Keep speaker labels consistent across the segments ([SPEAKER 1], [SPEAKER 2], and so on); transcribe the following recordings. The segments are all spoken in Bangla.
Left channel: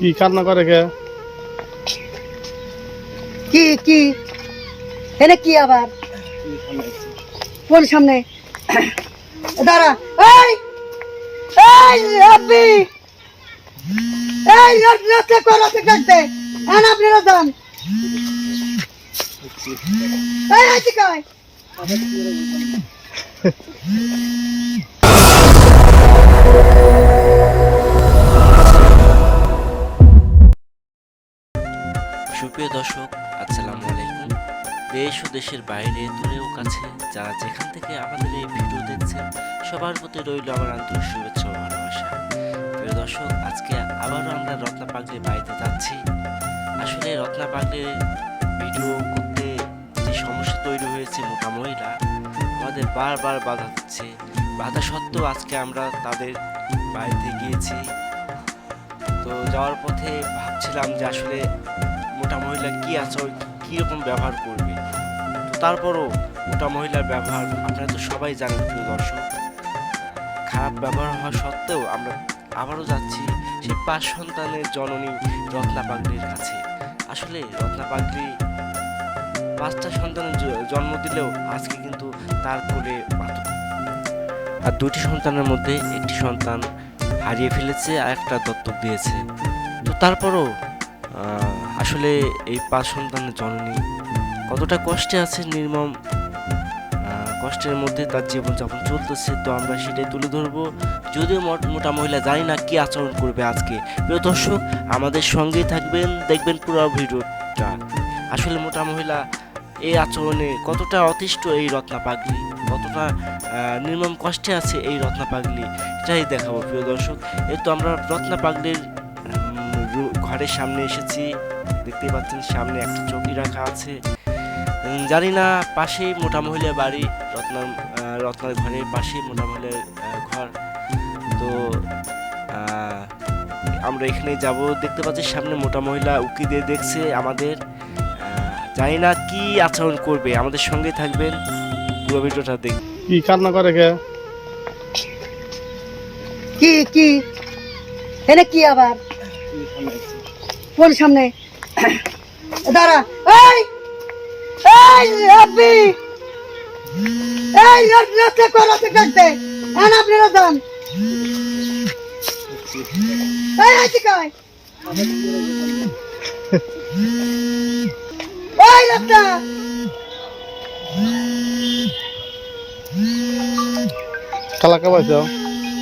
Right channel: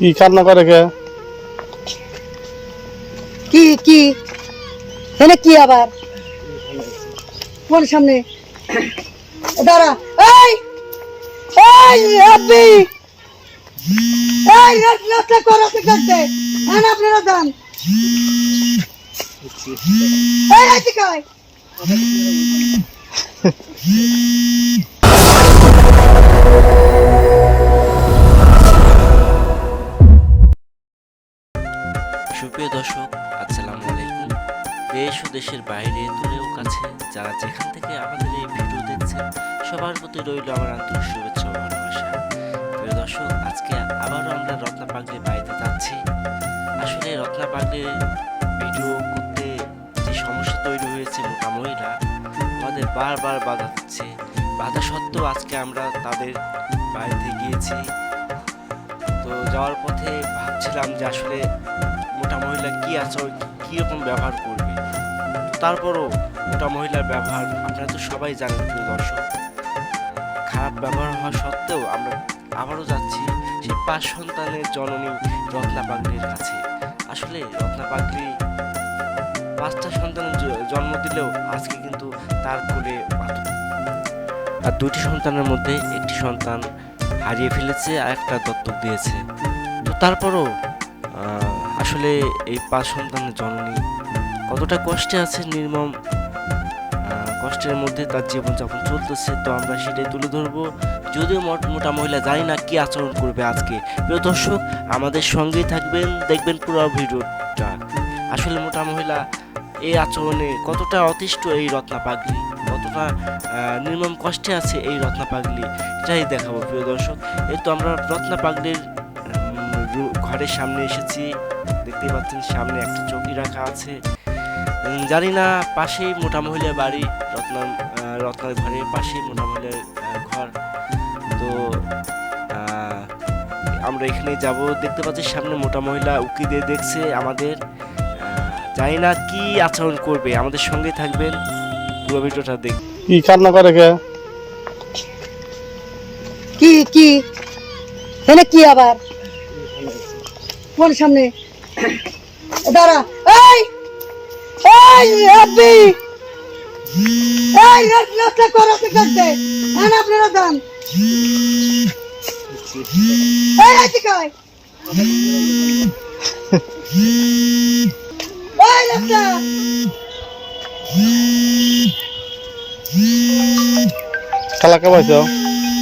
[SPEAKER 1] কি কান্না করে কে?
[SPEAKER 2] কি কি? এনে কি আবার? কোন সামনে? দাঁড়া। এই! এই, আপনি! এই রাস্তা কর, আপনি আন আপনারা যান এই হাইতে কয়
[SPEAKER 3] সুপ্রিয় দর্শক, আসসালামু আলাইকুম। দেশ ও দেশের বাইরে দূরেও কাছে যারা যেখান থেকে আমাদের এই ভিডিও দেখছেন, সবার প্রতি রইল আমার আন্তরিক শুভেচ্ছা ও ভালোবাসা। প্রিয় দর্শক, আজকে আবারও আমরা রত্না পাগলির বাড়িতে যাচ্ছি। আসলে রত্না পাগলির ভিডিও করতে যে সমস্যা তৈরি হয়েছে মোটা মহিলা, আমাদের বারবার বাধা দিচ্ছে। বাধা সত্ত্বেও আজকে আমরা তাদের বাড়িতে গিয়েছি। তো যাওয়ার পথে ভাবছিলাম যে আসলে মহিলা কি আচরণ কীরকম ব্যবহার করবে? তারপরও মোটা মহিলার ব্যবহার, আপনারা তো সবাই জানেন প্রিয় দর্শক। খারাপ ব্যবহার হওয়া সত্ত্বেও আমরা আবারও যাচ্ছি সেই পাঁচ সন্তানের জননী রত্না পাগলির কাছে। আসলে রত্না পাগলি পাঁচটা সন্তান জন্ম দিলেও আজকে কিন্তু তার কোলে আর দুটি সন্তানের মধ্যে একটি সন্তান হারিয়ে ফেলেছে আর একটা দত্তক দিয়েছে। তো তারপরও আসলে এই পাঁচ সন্তানের জননী কতটা কষ্টে আছে নির্মম কষ্টের মধ্যে তার জীবনযাপন চলতেছে, তো আমরা সেটাই তুলে ধরবো। যদিও মোট- মোটা মহিলা জানি না কি আচরণ করবে আজকে। প্রিয় দর্শক, আমাদের সঙ্গেই থাকবেন, দেখবেন পুরো ভিডিওটা। আসলে মোটা মহিলা এই আচরণে কতটা অতিষ্ঠ এই রত্না পাগলি? কতটা নির্মম কষ্টে আছে এই রত্না পাগলি? এটাই দেখাবো, প্রিয় দর্শক। এই তো আমরা রত্না পাগলির ঘরের সামনে এসেছি। দেখতেই পাচ্ছেন সামনে একটা চৌকি রাখা আছে। জানি না পাশেই মোটা মহিলার বাড়ি রত্না আহ, রত্নার ঘরের পাশেই মোটা মহিলার ঘর। তো আমরা এখানে যাব দেখতে পাচ্ছি সামনে মোটা মহিলা উকি দিয়ে দেখছে আমাদের। জানি না কি আচরণ করবে আমাদের সঙ্গে থাকবেন। পুরো ভিডিওটা দেখ
[SPEAKER 1] কি কান্না করে কে
[SPEAKER 2] কি কি? এনে কি আবার? কোন সামনে? দাঁড়া। এই! এই আপনি এই রাস্তা কর আন আপনারা যান এই হাইতে কয়? এই রাস্তা।
[SPEAKER 1] খালা কে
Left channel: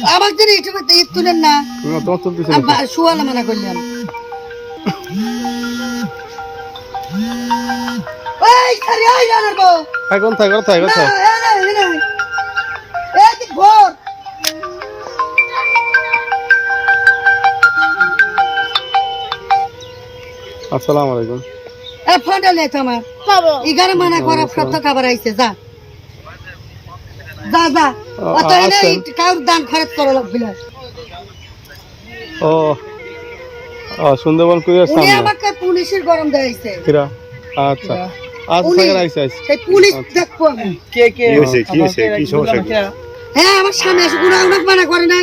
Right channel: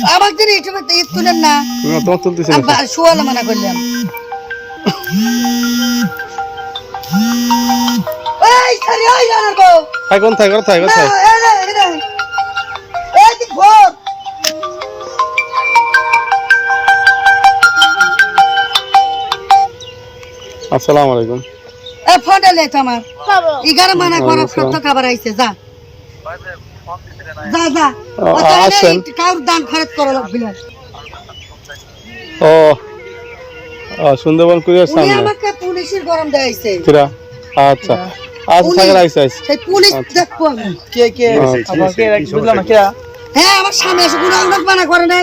[SPEAKER 2] আমার দিন তুলেন না।
[SPEAKER 1] তোমার
[SPEAKER 2] আমি বা- মানা করলাম। এই খালি ওই জানার বউ।
[SPEAKER 1] থাই কোন থাই কোন থাই কোন থাই
[SPEAKER 2] এ না, এ না। এই যে ভোর।
[SPEAKER 1] আসসালামু আলাইকুম।
[SPEAKER 2] এ ফোনটা লে তো আমার। মানা করা সত্য খাবার আইছে যা। যা যা।
[SPEAKER 1] ও,
[SPEAKER 2] অত
[SPEAKER 1] আসেন।
[SPEAKER 2] কাউর দান খরচ করো লাগবে
[SPEAKER 1] ও সুন্দরবন কুরিয়ার সামনে?
[SPEAKER 2] আমাকে পুলিশের গরম দেয়াইছে
[SPEAKER 1] কিরা? আচ্ছা। আচ্ছা। থাকার আইছে আইসা
[SPEAKER 2] সেই পুলিশ
[SPEAKER 1] আচ্ছা।
[SPEAKER 2] দেখব
[SPEAKER 4] কে কে? সমস্যা?
[SPEAKER 2] হ্যাঁ আমার স্বামী এসে কোনো মানা করে নাই।